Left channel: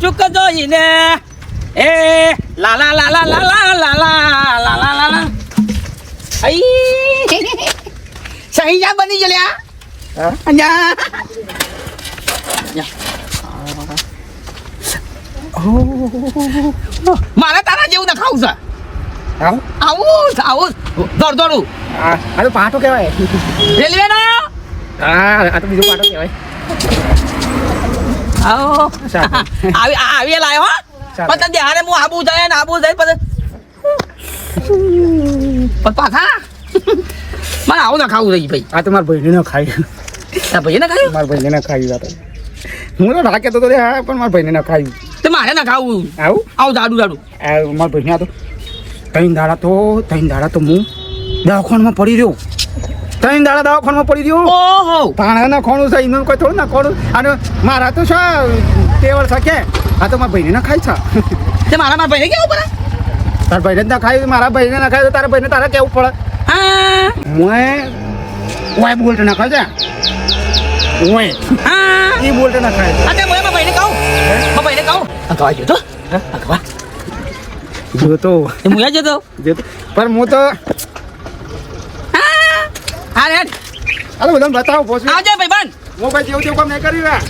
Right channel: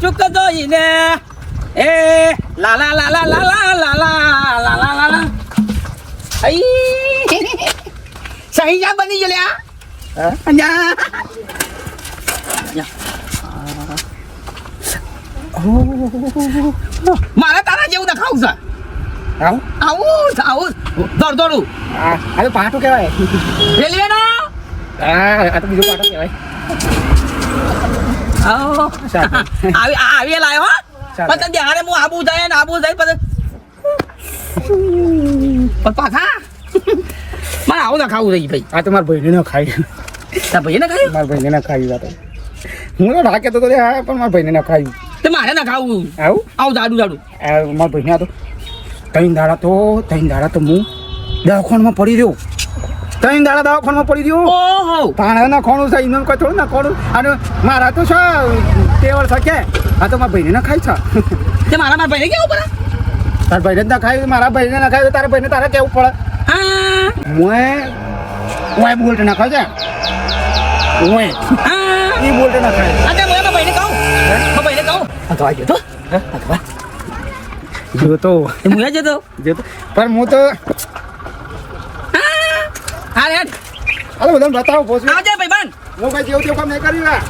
ચૂક જોઈને એ લાલા લાલા લાલા લાલા લાલા લાલા આઈ સહી જા બની ગયેલા અહીંયા મારે તારા જેવું દેખાવું છે આવું દોડું આ તો પાટો કહેવાય રેલવે નો આ તો બીજું પાટો કહેવાય આવી લાયો પણ તને હારે હું આબુ જાય ને આબુ જાય પછી પણ પાછા મારે આવું ના ખાવું રહી ભાઈ આ તો મારા ભાઈને ન ખાય ભાઈ ના ખાયું મારા ભાઈને ન ખાયું વાત હું તો ઢાકે તો હા પણ મારા ભાઈને ન ખાયું તો મારે ના ખાવું આવું જાડું મારા ભાઈને આ તો ત્રણ દાડા તો હું દવાખાનામાં પડી રહ્યો ત્રણ દાડા દવાખાનામાં પડી રહ્યો ઓહો પાણા નાખવાનું છે ઇન્ધન કચોળ નાખવાનું અને મારા તો છે ટેવલ શકે આ તો મારા ભાઈને ના ખાય છે તે મારા ભાઈને કેવું પડે તારા ભાઈને જ ના ખાય મારા ભાઈને ના ખાય તો તારા ભાઈને તારા કેવું પડે હા ઓય બોલતે ના ખાય છે ઓય હા એ બોલતે ના ખાય અરે મારા ભાઈને કહું આ તો આવ્યો તો જો તો એ મુયા જતો પણ હું તો હા રે હાલો બધાને બતાવો આવજો ભાઈ બંધ હું ભાઈ જેવું તેવું કામ નહીં કરી રહ્યા